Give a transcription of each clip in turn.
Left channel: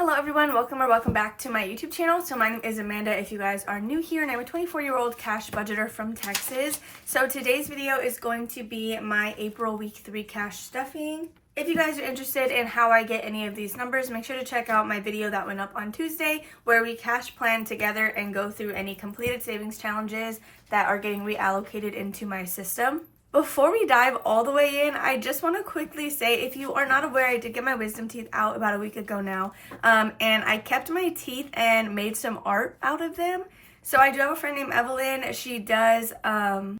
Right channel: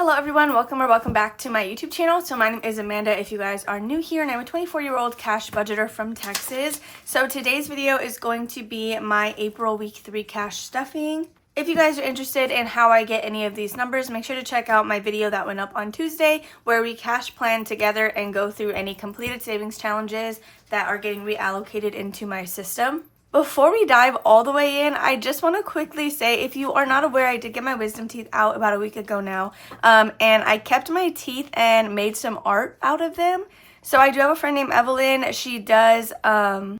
Hello everyone, welcome back to my YouTube channel. So my name is Amanda if you guys are new here, and I'm a 24-year-old cash budgeter from Texas. So today's video is going to be my April week 3 cash stuffing. If you guys are interested in how I get any of these numbers, make sure to check out my video that went up on Tuesday where we cash plan together and go through any completed savings challenges that are getting reallocated into my system. Before we dive all the way in, I just want to quickly say, if you are not aware, I did get my wisdom teeth out about a week ago now, and I kept my teeth and made some art out of them. So I do have a friend named Evelyn. She does,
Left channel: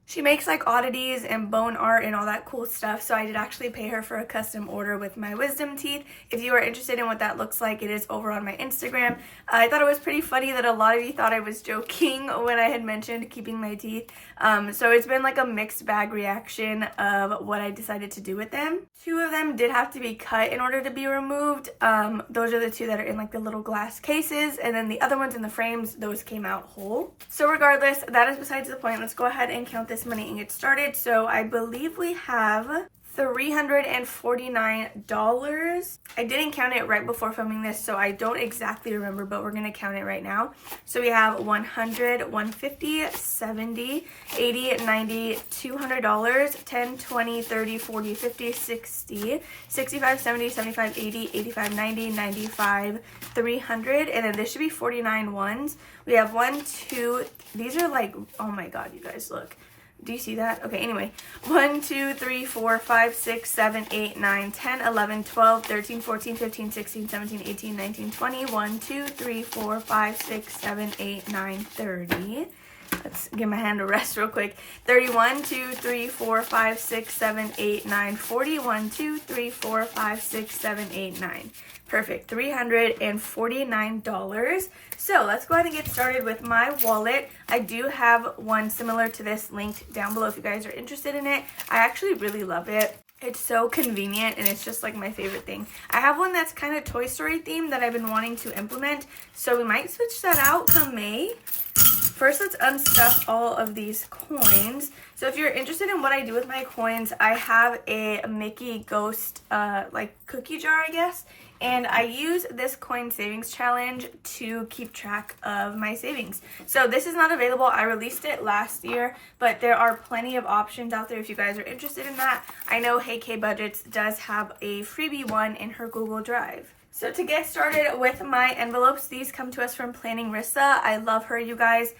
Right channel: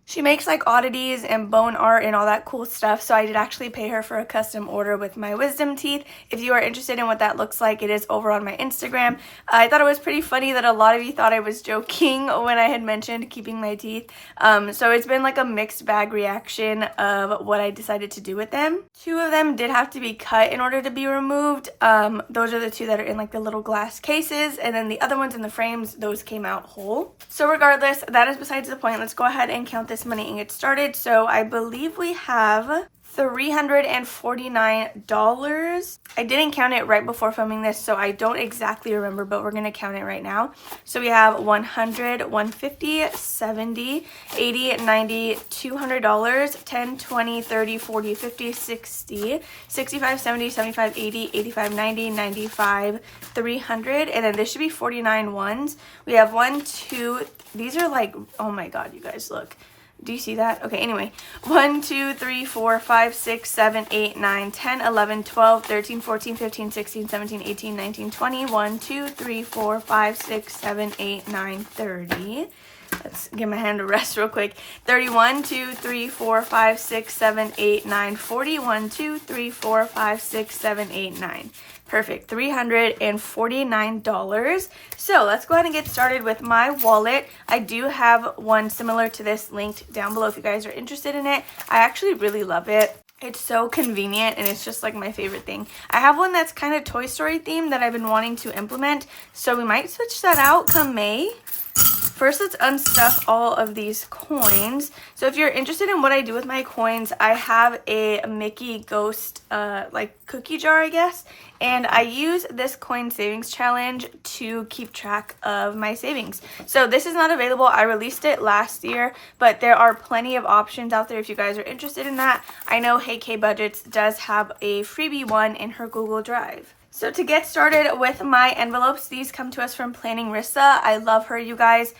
she makes like oddities and bone art and all that cool stuff. So I did actually pay her for a custom order with my wisdom teeth. If you are interested in what that looks like, it is over on my Instagram. I thought it was pretty funny that a lot of you thought I was joking when I had mentioned keeping my teeth. So it's been like a mixed bag reaction of what I decided to do with them. 2 of them did have to be cut in order to be removed. Those are the 2 that are in like the little glass cases, and then the other ones in the frames, those came out whole. So regardless, that is besides the point. Let's go ahead and count this money and get started. So I believe we have $349. I didn't count it right before filming this, so I don't exactly remember, but we're going to count it right now. So we have $100, $150, $70, $80, $90, $200, $10, $20, $30, $40, $50, $60, $65, $70, $75, $80, $85, $90, $95, $300, and then this should be 49 ones. We have 1, 2, these are like, oh my god, you guys, look. Do you see that? Okay, anyway. 1, 2, 3, 4, 5, 6, 7, 8, 9, 10, 11, 12, 13, 14, 15, 16, 17, 18, 19, 20. 1, 2, 3, 4, 5, 6, 7, 8, 9, 30. Let's give my hand a rest real quick. 31, 2, 3, 4, 5, 6, 7, 8, 9, 40. 1, 2, 3, 4, 5, 6, 7, 8, 9. Perfect, $349. So let's go ahead and get started with my wallet. I do have one similar to this linked down below if you guys are interested in it. I actually really love it. It's so convenient and it's just like my favorite thing. I have one that's kind of Toy Story themed that I've been wanting to implement, so we might switch that out come May. First, let's unstuff all of these coins. So if you're interested in what I do with my coins, I have a Mickey Ghost like cookie jar, I guess. And I use this coin savings challenge to keep track of my savings. So this is not available. I released it last year, but there are plenty of options out there if you guys are interested in that. I know Hey K Budgets does have a freebie one in her Google Drive. So to get started with my envelopes, these come to us from Planning Rissa. I love her, you guys.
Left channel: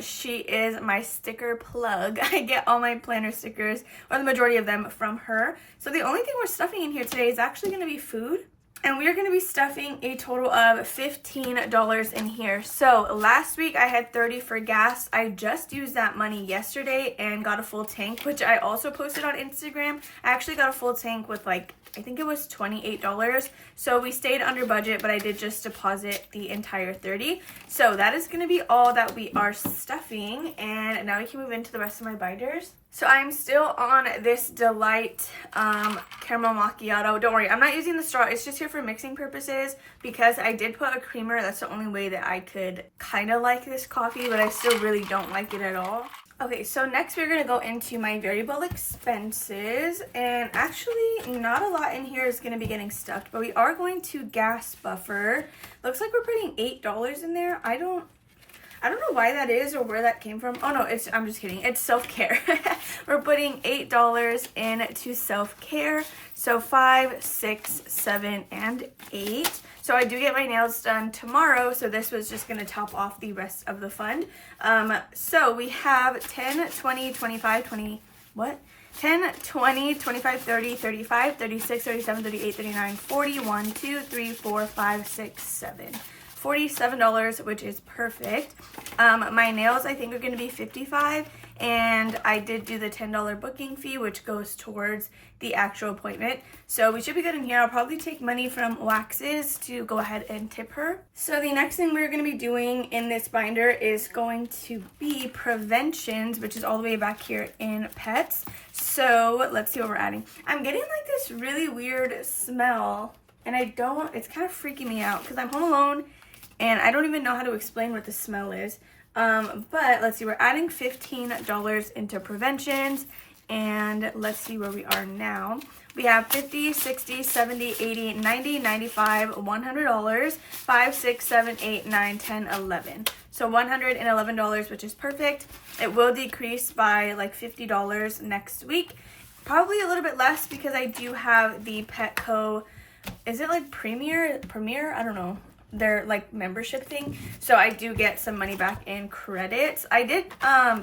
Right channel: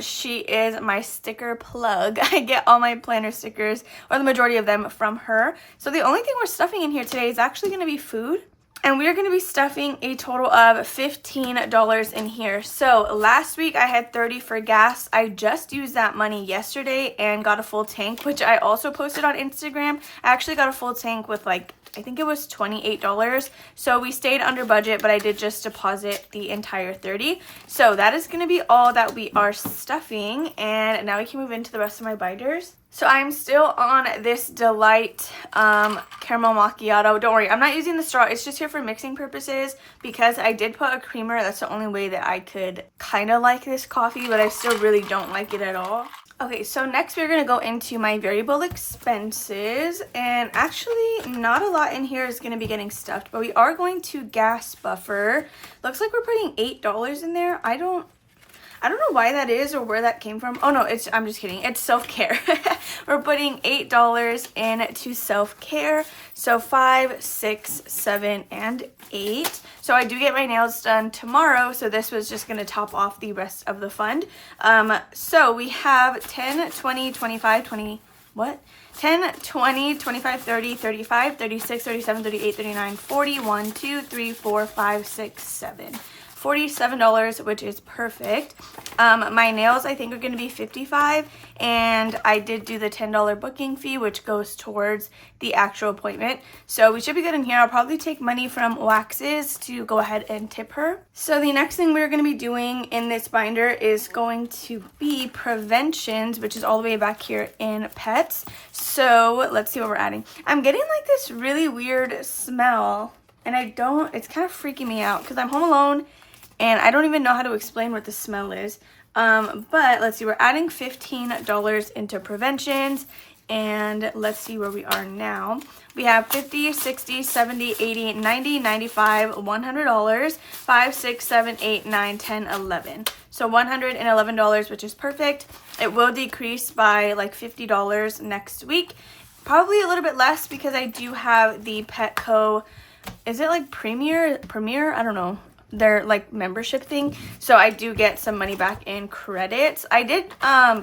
She is my sticker plug. I get all my planner stickers, or the majority of them, from her. So the only thing we're stuffing in here today is actually going to be food. And we are going to be stuffing a total of $15 in here. So last week I had $30 for gas. I just used that money yesterday and got a full tank, which I also posted on Instagram. I actually got a full tank with like, I think it was $28. So we stayed under budget, but I did just deposit the entire $30. So that is going to be all that we are stuffing. And now we can move into the rest of my binders. So I'm still on this Delight caramel macchiato. Don't worry, I'm not using the straw. It's just here for mixing purposes because I did put a creamer. That's the only way that I could kind of like this coffee, but I still really don't like it at all. Okay, so next we're going to go into my variable expenses, and actually not a lot in here is going to be getting stuffed, but we are going to gas buffer. Looks like we're putting $8 in there. I don't know why that is or where that came from. Oh no, I'm just kidding. It's self-care. We're putting $8 into self-care. So 5, 6, 7, and 8. So I do get my nails done tomorrow. So this was just going to top off the rest of the fund. So we have 10, 20, 25, 20, what? 10, 20, 25, 30, 35, 36, 37, 38, 39, 40, 1, 2, 3, 4, 5, 6, 7. $47, which is perfect. My nails I think are going to be $55, and I did do the $10 booking fee, which goes towards the actual appointment. So we should be good in here. I'll probably take money from Waxes to go ahead and tip her. So the next thing we're going to be doing in this binder is going to be preventions, which is all the way back here in pets. So let's see what we're adding. I'm getting like this really weird smell, and it's kind of freaking me out because I'm home alone and I don't even know how to explain what the smell is. But let's see, we're adding $15 into preventions, and let's see where we are now. We have $50, $60, $70, $80, $90, $95, $100, $5, $6, $7, $8, $9, $10, $11. So $111, which is perfect. It will decrease by like $50 next week. Probably a little bit less because I do have the Petco, is it like Premier? I don't know. Their like membership thing. So I do get some money back in credits. I did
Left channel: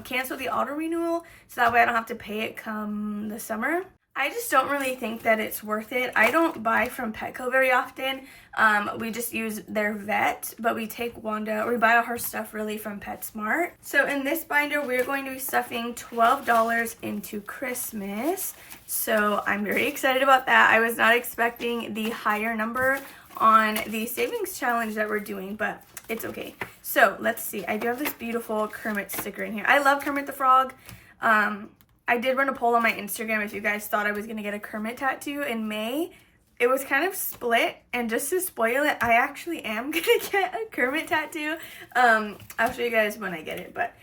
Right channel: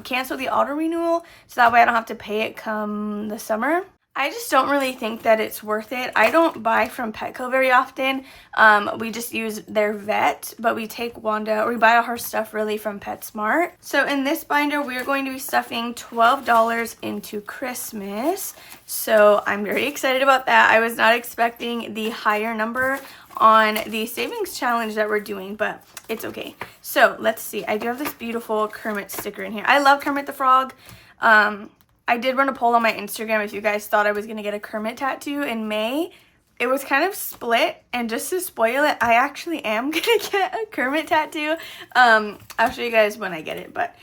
cancel the auto renewal so that way I don't have to pay it come the summer. I just don't really think that it's worth it. I don't buy from Petco very often. We just use their vet, but we take Wanda, or we buy all her stuff really from PetSmart. So in this binder, we're going to be stuffing $12 into Christmas. So I'm very excited about that. I was not expecting the higher number on the savings challenge that we're doing, but it's okay. So let's see. I do have this beautiful Kermit sticker in here. I love Kermit the Frog. I did run a poll on my Instagram if you guys thought I was going to get a Kermit tattoo in May. It was kind of split, and just to spoil it, I actually am going to get a Kermit tattoo. I'll show you guys when I get it, but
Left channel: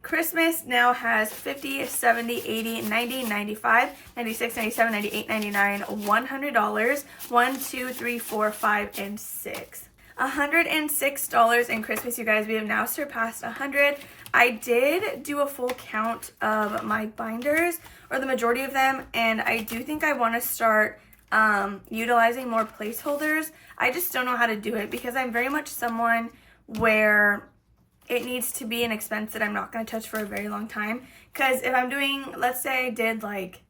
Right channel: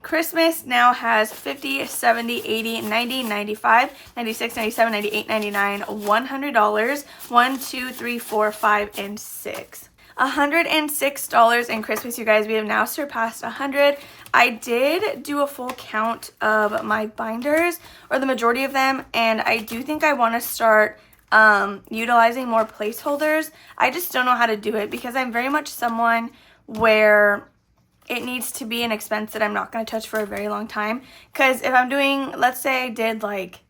Christmas now has 50, 70, 80, 90, 95, 96, 97, 98, 99, $100, 1, 2, 3, 4, 5, and 6. $106 in Christmas, you guys. We have now surpassed 100. I did do a full count of my binders, or the majority of them, and I do think I want to start utilizing more placeholders. I just don't know how to do it because I'm very much someone where it needs to be an expense that I'm not going to touch for a very long time. Because if I'm doing, let's say I did like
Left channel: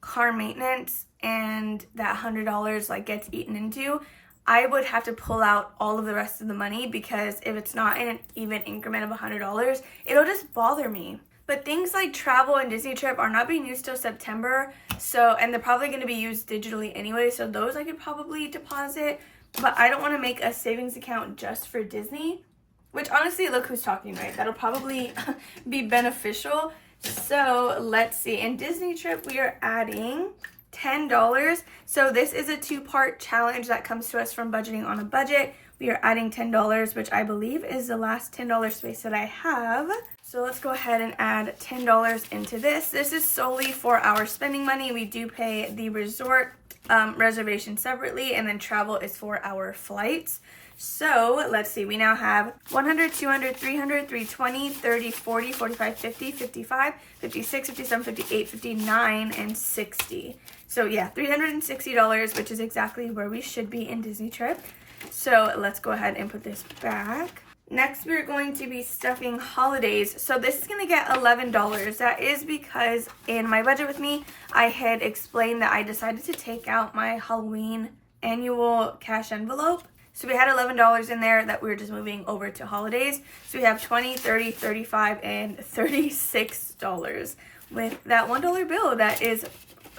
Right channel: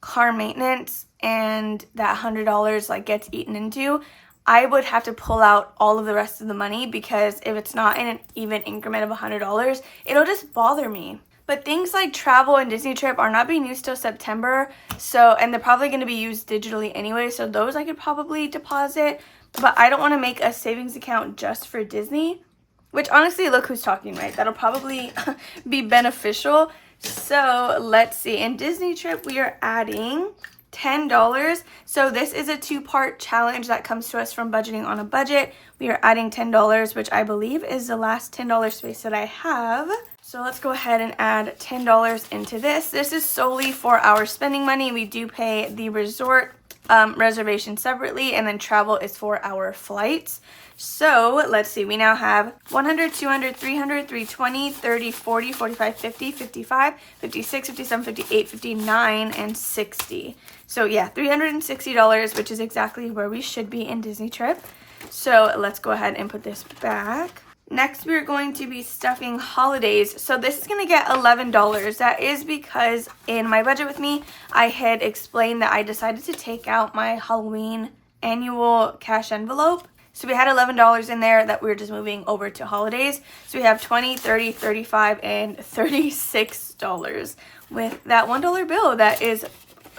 car maintenance and that $100 like gets eaten into, I would have to pull out all of the rest of the money, because if it's not in an even increment of $100, it'll just bother me. But things like travel and Disney trip are not being used till September, so, and they're probably going to be used digitally anyway, so those I could probably deposit. But I don't want to make a savings account just for Disney, which honestly, look who's talking, right? That'll probably be beneficial. So let's see. In Disney trip, we are adding $10. So this is a 2-part challenge that comes to us from Budgeting on a Budget. We are adding $10, which I believe is the last $10 space that I have. So let's go ahead and add $10 into this. This is solely for our spending money. We do pay the resort reservation separately, and then travel is for our flights. So let's see, we now have 100, 200, 300, 320, 30, 40, 45, 50, 55, 56, 57, 58, 59, and 60. So yeah, $360, which is exactly where we should be in Disney trip. So let's go ahead and put this back. Next, we're going to be stuffing holidays. So this is going to get $11. That is because in my budget with me, I had explained that I decided to take out my Halloween annual cash envelope. So we had $11 in there that we were just moving over to holidays. So we have $20, $30, $35, and $36 with that $1 bill that is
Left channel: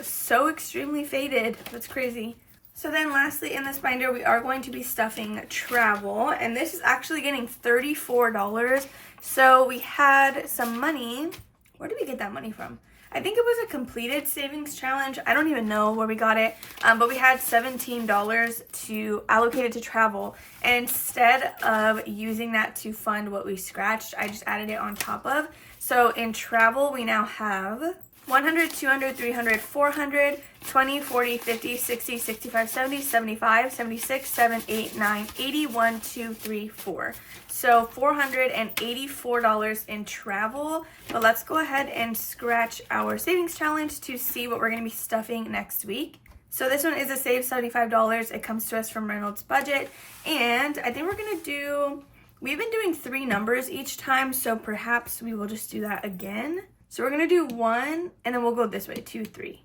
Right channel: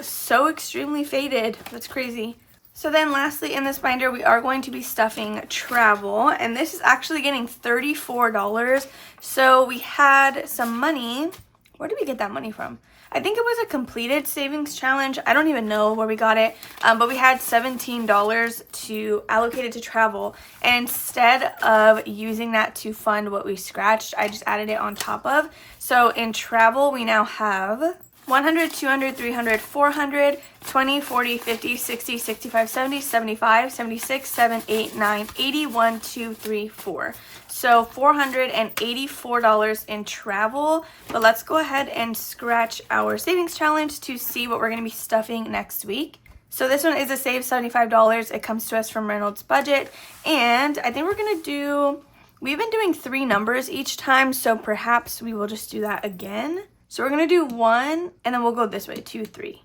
so extremely faded. That's crazy. So then lastly in this binder, we are going to be stuffing travel, and this is actually getting $34. So we had some money. Where did we get that money from? I think it was a completed savings challenge. I don't even know where we got it, but we had $17 to allocate it to travel. And instead of using that to fund what we scratched, I just added it on top of. So in travel, we now have 100, 200, 300, 400, 20, 40, 50, 60, 65, 70, 75, 76, 7, 8, 9, 80, 1, 2, 3, 4. So $484 in travel. But let's go ahead and scratch our savings challenge to see what we're going to be stuffing next week. So this one is a save $75. It comes to us from Reynolds Budget. And I think we're going to do, we've been doing 3 numbers each time, so perhaps we will just do that again. So we're going to do 1, and then we'll go this way, 2, 3.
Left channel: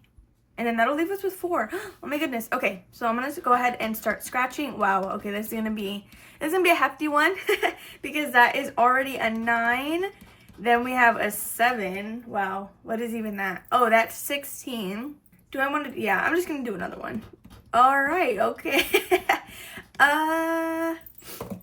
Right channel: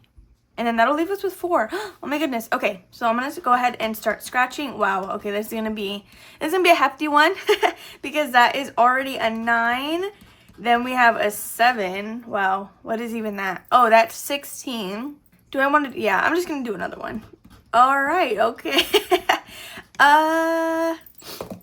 And then that'll leave us with 4. Oh my goodness. Okay, so I'm going to go ahead and start scratching. Wow, okay, this is going to be a hefty one because that is already a 9. Then we have a 7. Wow, what is even that? Oh, that's 16. Do I want to, yeah, I'm just going to do another one. All right, okay.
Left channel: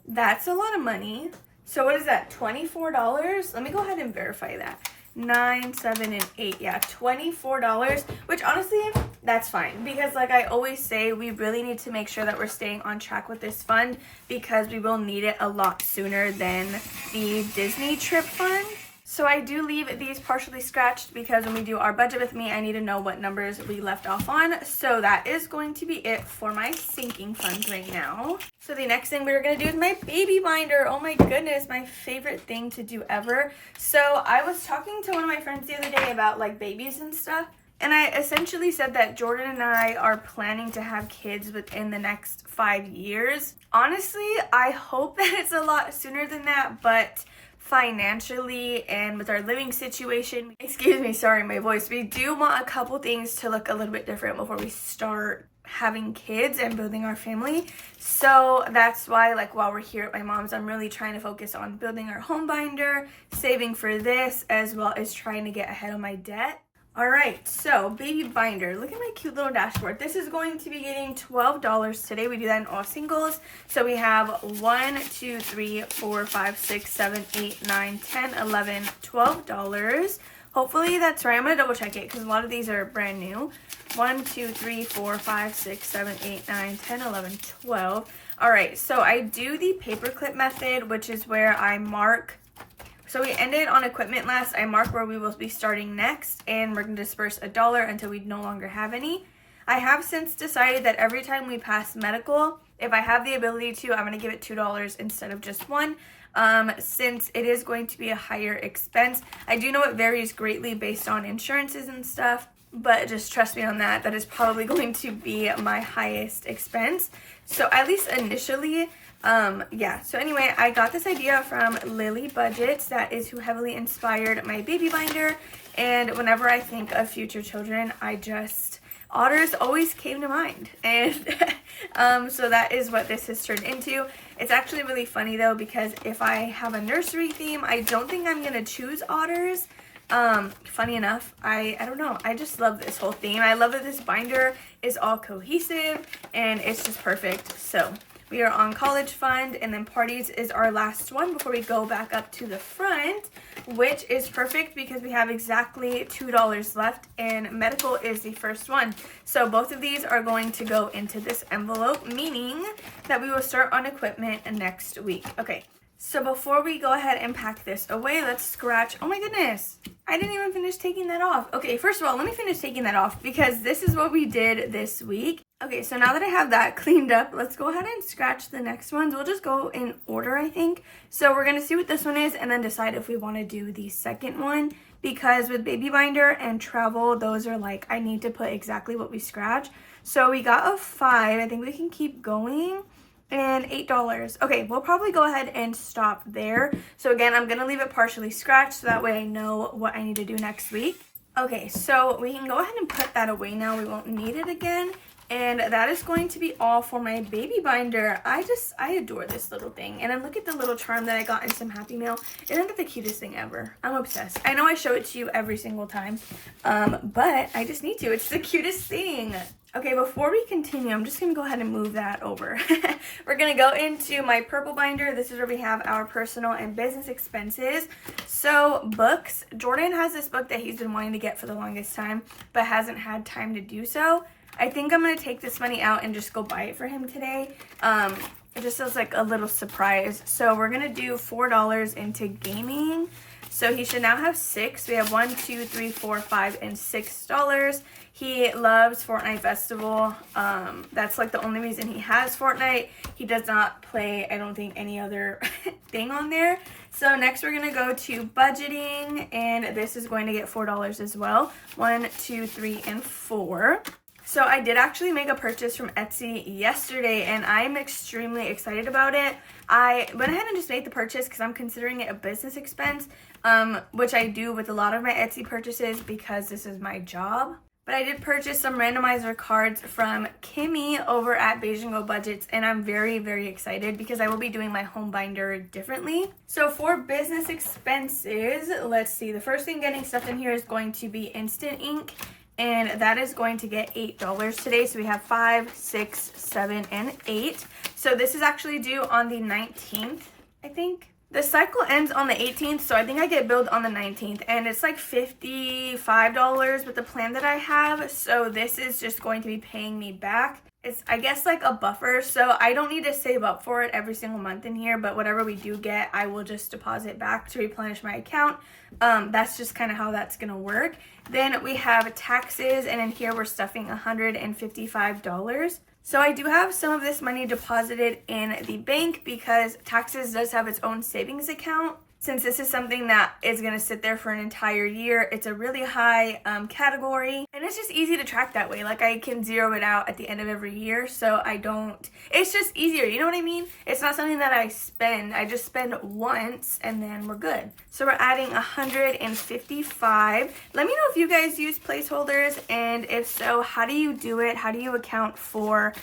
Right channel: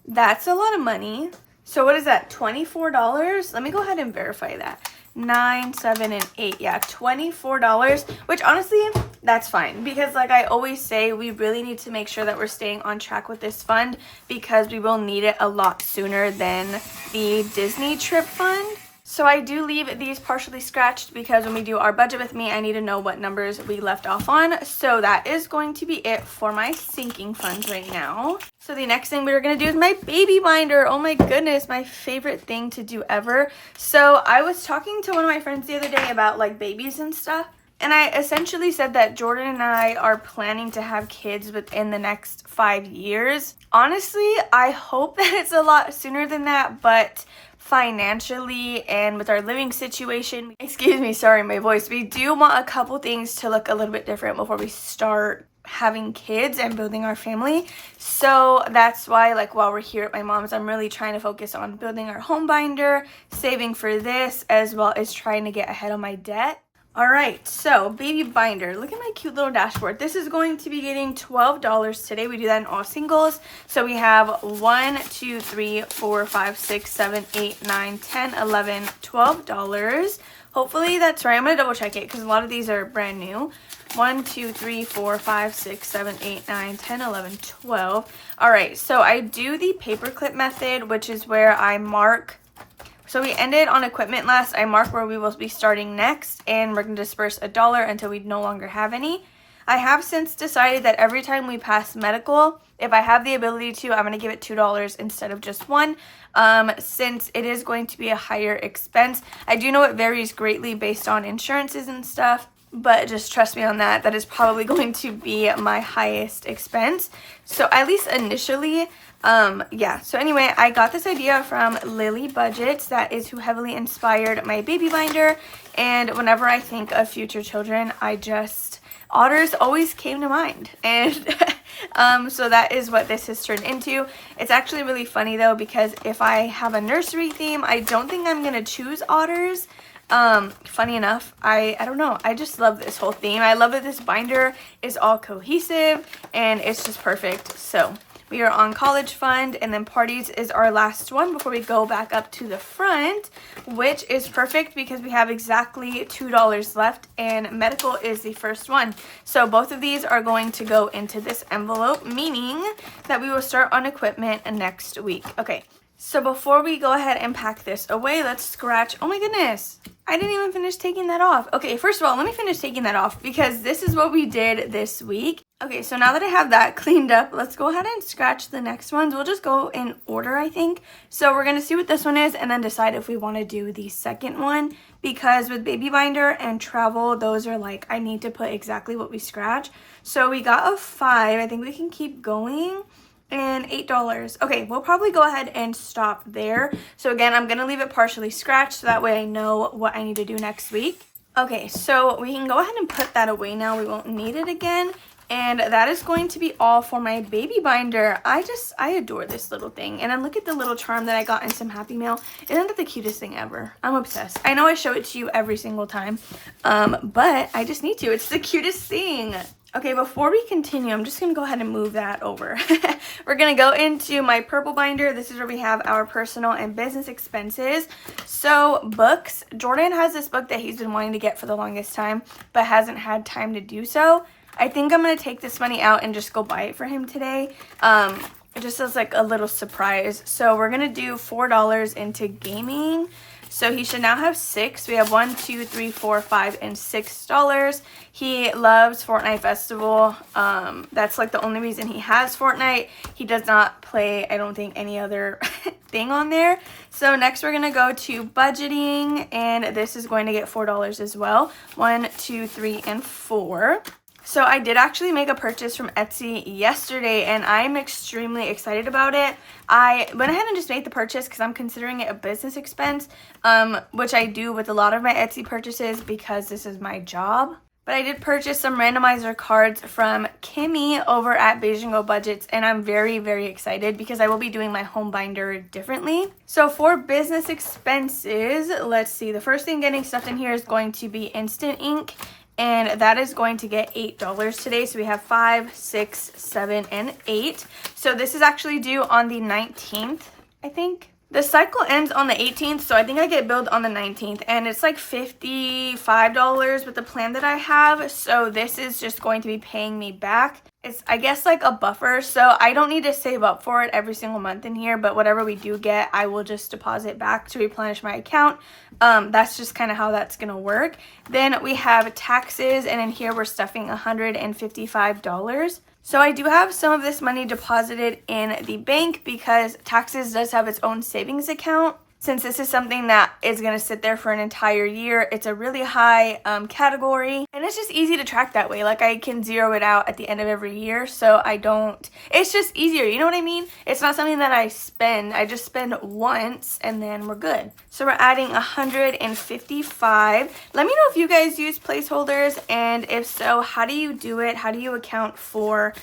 That's a lot of money. So what is that, $24? Let me go ahead and verify that. 9, 7, and 8. Yeah, $24, which honestly, that's fine. Because like I always say, we really need to make sure that we're staying on track with this fund because we will need it a lot sooner than the Disney trip fund. So I do leave these partially scratched because when we do our budget with me, I need to know what numbers we left off on. So that is going to be it for my sinking funds right now. So the next thing we're going to do is my baby binder. Oh my goodness, my favorite thing to do ever. So I was talking to one of my friends the other day about like babies and stuff. And I essentially said that Jordan and I are planning to have kids within the next 5 years. Honestly, I hope that it's a lot sooner than that, but financially and with our living situation, excuse me, sorry my voice, we do want a couple things to look a little bit different before we start having kids and building our family. So that's why, like, while we're here at my mom's, I'm really trying to focus on building our home binder, saving for this, as well as trying to get ahead of my debt. All right, so baby binder, look at my cute little dashboard. This is going to be getting $12 today. We do that in all singles. So we have 1, 2, 3, 4, 5, 6, 7, 8, 9, 10, 11, $12. Hopefully that's right. I'm going to double check it because a lot of these are brand new. 1, 2, 3, 4, 5, 6, 7, 8, 9, 10, 11, 12. All right, so I do the paperclip method, which is where I mark. So we ended on equipment last. I mark where we will be starting next, and we're going to disperse $1 until we no longer have any. I have since decided that every time we pass medical, if I have the ability to, I'm going to give it $2 instead of just $1, since it is going to be a higher expense. I do know it varies greatly based on insurances and stuff, but just trust me on that. That is probably going to be my highest expense. So at least initially, yeah. So anyway, I got this idea from Lily Budgets. That is who heavily inspired my baby binder. And whenever I think of future children, otters always came to mind. And so that is what this has turned into. It's actually really funny though, because if I have a nursery theme, I don't think I'm going to choose otters. Funny enough, I don't know, I just love this whole theme. I love that this binder is all cohesive and it's just perfect. So we are on college fund, and then parties is our last one before we go back up to the front, which is perfect because we have exactly $2 left, and medical is the first one. So both of these are going to go into this envelope, meaning that we will start on equipment next week. Okay, so before we go ahead and pack this away, let's scratch. Oh my goodness, I didn't even finish taking that off. Okay, first of all, let me finish taking that off because this is what we did this week. Okay, so now that I have that cleaned up, let's go ahead and scratch the next ones. We'll just go in order, I think. So we're going to see what this one is and then decide if we want to do the second one, because with baby binder and travel, those are like, I need to put exactly what we scratch. So we got a 5. I think we can keep going. And $8. Okay, we'll probably go ahead and stop there. So again, I'm going to leave it partially scratched so that way I know what I need to do next week. Okay, so we can go ahead and put that away now. We won't need it again. And that is going to be all for my baby binder. I adore this little thing. And then look at the little charm that I got in some Happy Meal. Isn't that the cutest thing ever? I'm obsessed. I know I show it to you every single time, but I just need to. It's the cutest thing. Okay, before we continue, I'm just going to go ahead and move that over. We're going to go into my purple binder. This is where we have our personal and business expenses. So books. Jordan has this book that he's been wanting to get for the longest time, but hasn't had time to do so. I think I'm going to take this money out and just go buy it for him today. Just as like a little surprise. So we're going to do $4 into gaming. So he should now have 6. We have 1, 2, 3, 4, 5, and $6. He loves Fortnite Festival. That's like the only reason he has Fortnite. He does not play, I don't think, any other thing on there. So next we're going to go to budgeting, and this is going to get $4 as well. 1, 2, 3, and 4. So I did actually make a purchase from Etsy yesterday, and I'm extremely excited about it. I went ahead and just made the purchase because I'm considering it a business expense, which I do with a lot of my Etsy purchases because this is my job. But I did purchase some randomizer cards from Kimmy over at Beijing Budgets, and I'm very, very excited because I will be doing my home binder differently. So for business expenses, let's see. The first thing getting stuff in here is going to be Instant Ink. And that is going to get $8 today. So we have 5, 6, 7, and 8. So this is actually due on the 19th, I think. The cycle ends on the 18th, so I think I get billed on the 19th. And it's like $55 with the plan that I have. So this is just going to be paying me back. it's, I guess, like a buffer, so I don't need to save up for it every single month in here, but whatever we do get, I will just deposit back to replenish my account. That's just kind of how that's gonna work. Then we have taxes, and in here we're stuffing $155. So I do have some of this money deposited in the bank because taxes does have its own savings account. Since this is something that is going to sit there for an entire year, it's a really high category, and it's just easy to track that way. Like, I can zero it out at the end of every year, so I don't, it's just easier, you know what I mean? It's not something that I spend, I just spend once and then we're good. So we're adding 155. Let me know if you guys use placeholders, and if so, how do you do it? How do you account for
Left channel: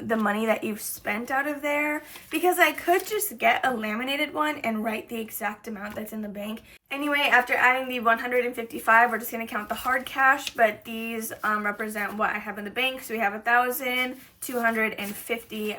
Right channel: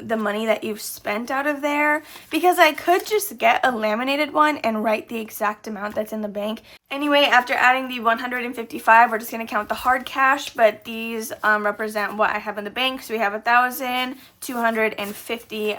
the money that you've spent out of there? Because I could just get a laminated one and write the exact amount that's in the bank. Anyway, after adding the 155, we're just going to count the hard cash, but these represent what I have in the bank. So we have 1,250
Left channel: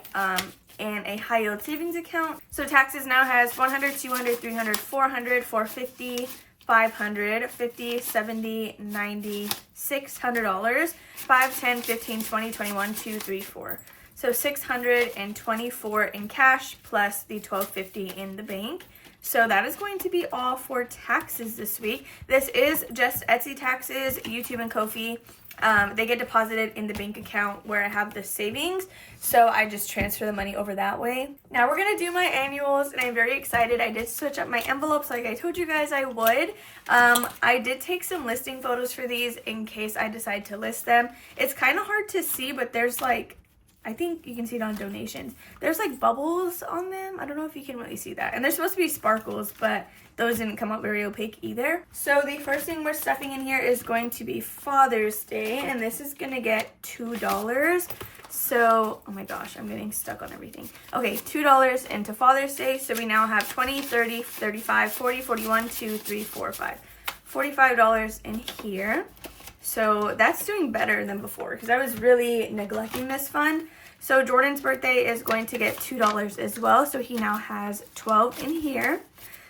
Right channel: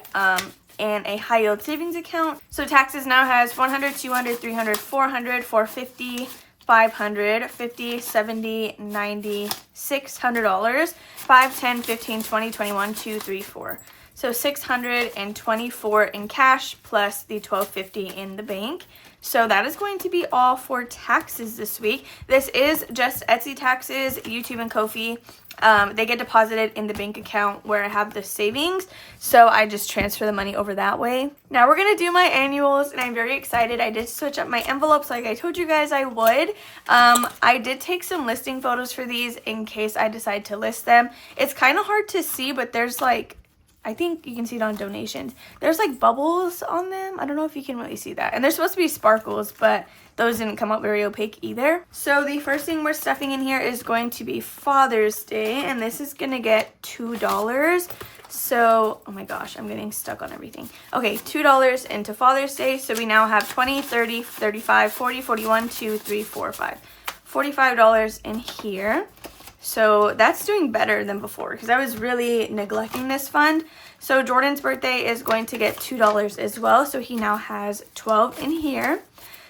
in a high yield savings account. So taxes now has 100, 200, 300, 400, 450, 500, 50, 70, 90, $600, 5, 10, 15, 20, 21, 2, 3, 4. So 624 in cash plus the 1250 in the bank. So that is going to be all for taxes this week. This is just Etsy taxes, YouTube and Ko-fi. They get deposited in the bank account where I have the savings, so I just transfer the money over that way. Now we're gonna do my annuals, and I'm very excited. I did switch up my envelopes like I told you guys I would. I did take some listing photos for these in case I decide to list them. It's kind of hard to see, but there's like, I think you can see it on donations. There's like bubbles on them. I don't know if you can really see that. And they're supposed to be sparkles, but those didn't come up very opaque either. So the first thing we're stuffing in here is going to be Father's Day, and this is gonna get $2. So, oh my gosh, I'm getting stuck on everything. Okay, $2 into Father's Day. So we now have 20, 30, 35, 40, 41, 2, 3, 4, 5. $45 in here. So that's doing better than before because I was really neglecting this fund. So Jordan's birthday is going to get $2 as well. So he now has 12 in here.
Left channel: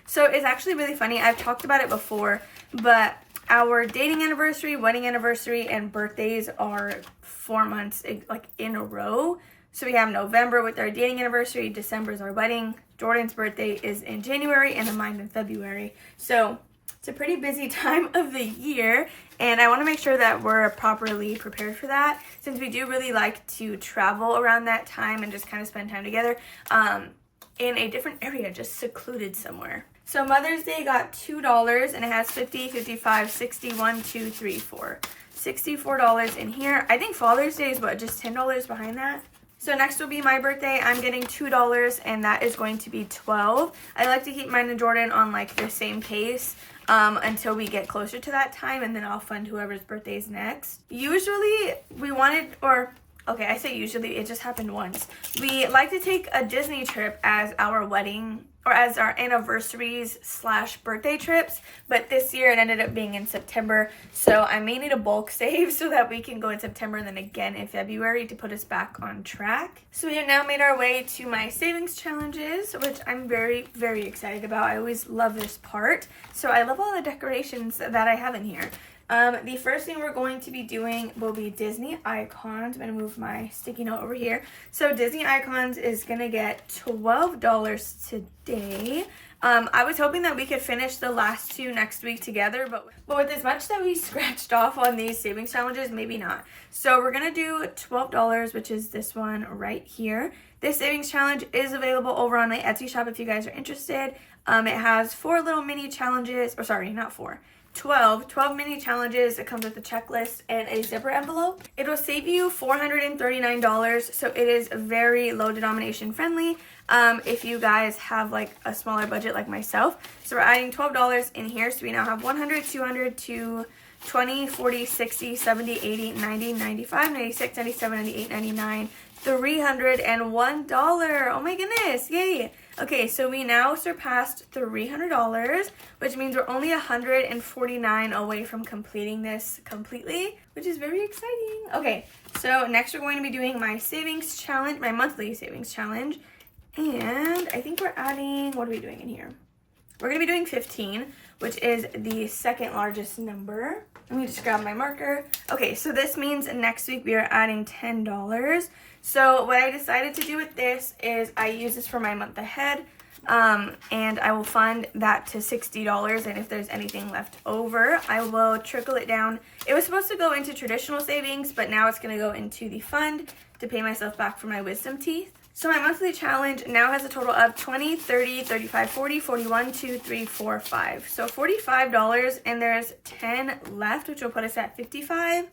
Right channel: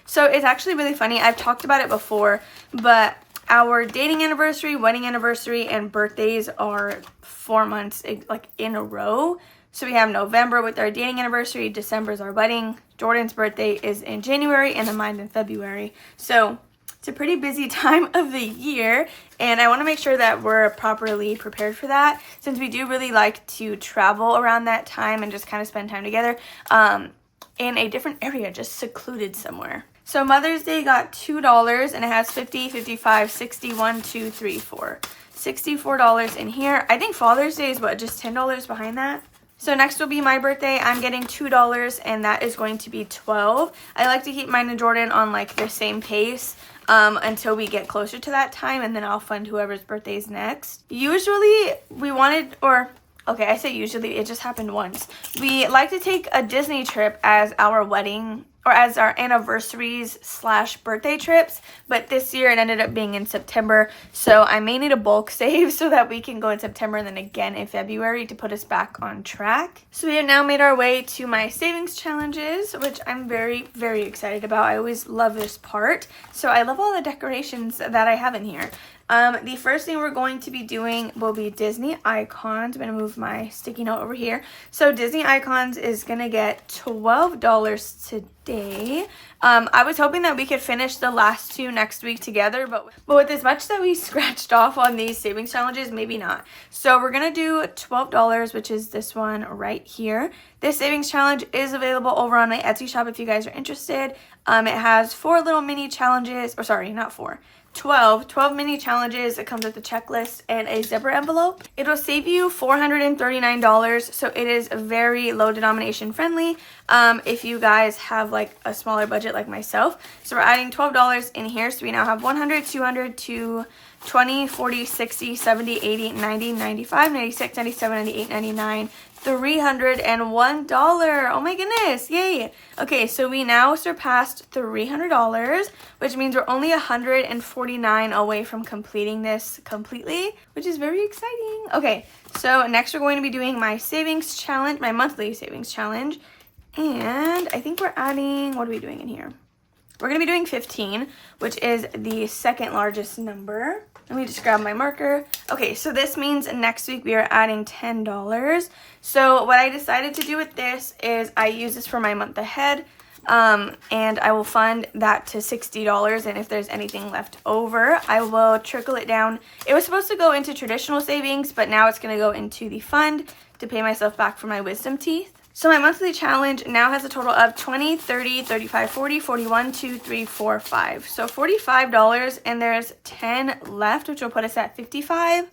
So it's actually really funny. I've talked about it before, but our dating anniversary, wedding anniversary, and birthdays are 4 months like in a row. So we have November with our dating anniversary, December is our wedding, Jordan's birthday is in January, and then mine in February. So it's a pretty busy time of the year, and I want to make sure that we're properly prepared for that, since we do really like to travel around that time and just kind of spend time together in a different area, just secluded somewhere. So Mother's Day got $2, and it has 50, 55, 60, 1, 2, 3, 4. $64 in here. I think Father's Day is what, just $10 behind that? So next will be my birthday. I'm getting $2, and that is going to be 12. I like to keep mine and Jordan on like the same pace until we get closer to that time, and then I'll fund whoever's birthday is next. Usually we wanted, or okay, I say usually, it just happened once. We like to take a Disney trip as our wedding or as our anniversaries / birthday trips, but this year it ended up being in September, so I may need a bulk save so that we can go in September and then again in February to put us back on track. So we have now made our way to my savings challenges, which I'm very, very excited about. I always love this part. So I love all the decorations that I have in here. The first thing we're going to be doing will be Disney Icons. I'm going to move my sticky note over here. So Disney Icons is going to get $12 today. I was hoping that we could finish the last two next week together, but with as much that we scratched off on these savings challenges, maybe not. So we're going to do $12, which is this one right here. This savings challenge is available over on my Etsy shop if you guys are interested. It has 4 little mini challenges, or sorry, not 4. 12 mini challenges. It comes with a checklist and a zipper envelope. It'll save you $439, so it is very low denomination friendly if you guys have like a smaller budget like myself. So we're adding $12 in here, so we now have 100, 200, 20, 40, 60, 70, 80, 90, 95, 96, 97, 98, 99, $301. Oh my goodness, yay. Okay, so we now surpassed $300, which means we're only $149 away from completing this completely, which is very exciting. Okay, so next we're going to be doing my savings challenge, my monthly savings challenge, and I think we're adding, what are we doing in here? We're going to be doing 15, which is the second largest number. Let me just grab my marker. Okay, so this means next week we are adding $10. So what I decided to do with this is I use this for my month ahead, and I will fund that to $60, and if there's anything left over, I will trickle it down. It was supposed to go into traditional savings, but now it's going to go into the fund to pay myself back for my wisdom teeth. So my monthly challenge now has a total of 20, 30, 35, 40, 41, 2, 3, 4, 5. So $45, and there's 10 left, which will put us at 55.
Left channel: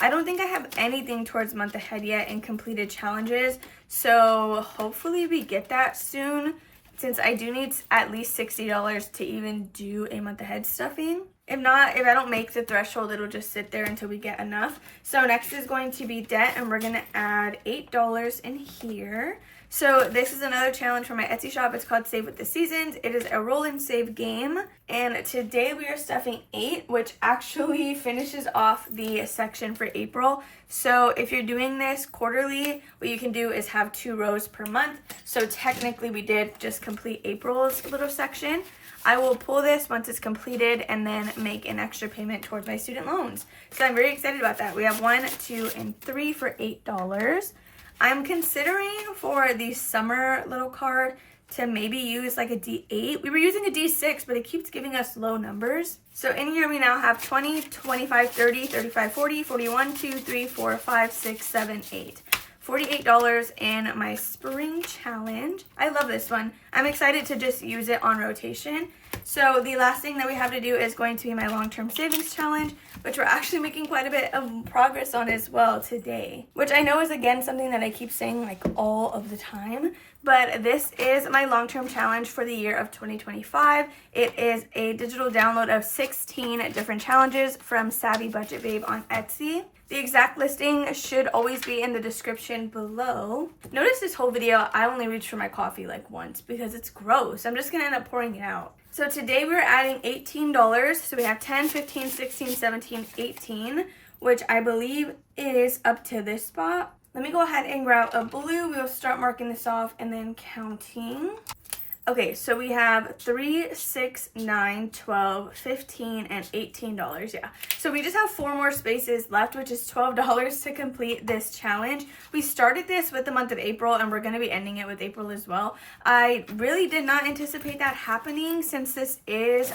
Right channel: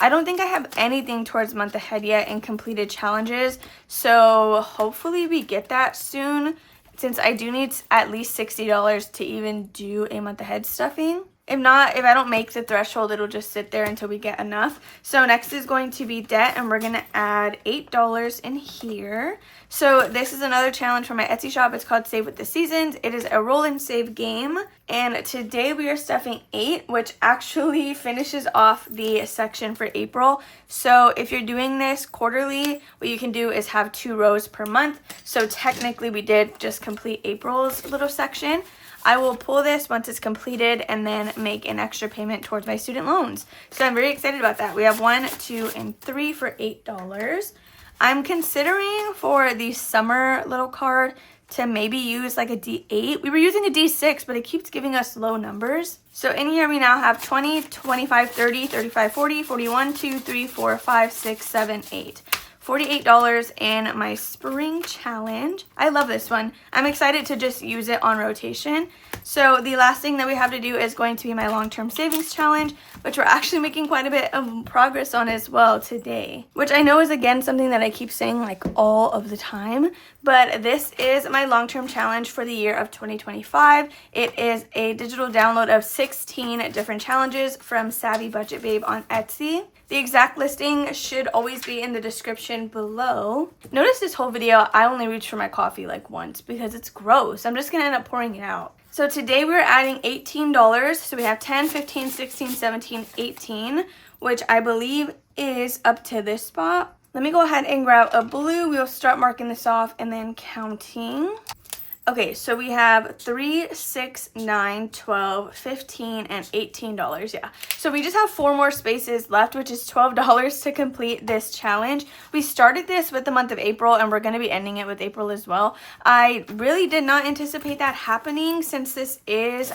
I don't think I have anything towards month ahead yet in completed challenges, so hopefully we get that soon, since I do need at least $60 to even do a month ahead stuffing. If not, if I don't make the threshold, it'll just sit there until we get enough. So next is going to be debt, and we're going to add $8 in here. So this is another challenge for my Etsy shop. It's called Save with the Seasons. It is a roll and save game. And today we are stuffing 8, which actually finishes off the section for April. So if you're doing this quarterly, what you can do is have 2 rows per month. So technically we did just complete April's little section. I will pull this once it's completed and then make an extra payment towards my student loans. So I'm very excited about that. We have 1, 2, and 3 for $8. I'm considering for the summer little card to maybe use like a D8. We were using a D6, but it keeps giving us low numbers. So in here we now have 20, 25, 30, 35, 40, 41, 2, 3, 4, 5, 6, 7, 8. $48 in my spring challenge. I love this one. I'm excited to just use it on rotation. So the last thing that we have to do is going to be my long-term savings challenge, which we're actually making quite a bit of progress on as well today, which I know is again something that I keep saying like all of the time, but this is my long-term challenge for the year of 2025. It is a digital download of 16 different challenges from Savvy Budget Babe on Etsy. The exact listing should always be in the description below. Notice this whole video, I only reached for my coffee like once because it's gross. I'm just gonna end up pouring it out. So today we're adding $18. So we have 10, 15, 16, 17, 18, which I believe is up to this spot. Let me go ahead and grab a blue. We'll start marking this off and then counting. Okay, so we have 3, 6, 9, 12, 15, and $18, yeah. So we just have 4 more spaces left, which is $12 to complete this challenge. We started this with the month of April, and we're going to be ending it with April as well. I really did not anticipate that happening, since this is,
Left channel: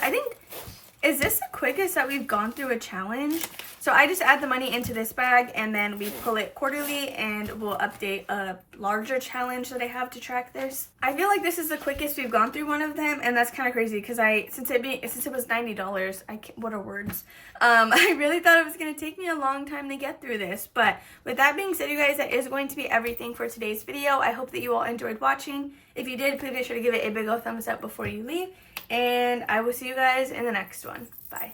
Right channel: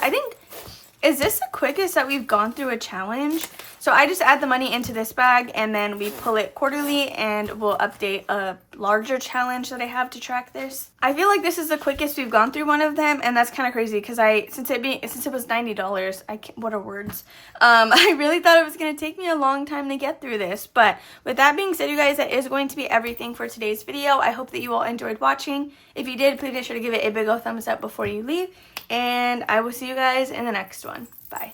is this the quickest that we've gone through a challenge? So I just add the money into this bag, and then we pull it quarterly, and we'll update a larger challenge that I have to track this. I feel like this is the quickest we've gone through one of them, and that's kind of crazy because since it was $90, what are words? I really thought it was going to take me a long time to get through this. But with that being said, you guys, that is going to be everything for today's video. I hope that you all enjoyed watching. If you did, please be sure to give it a big old thumbs up before you leave, and I will see you guys in the next one. Bye.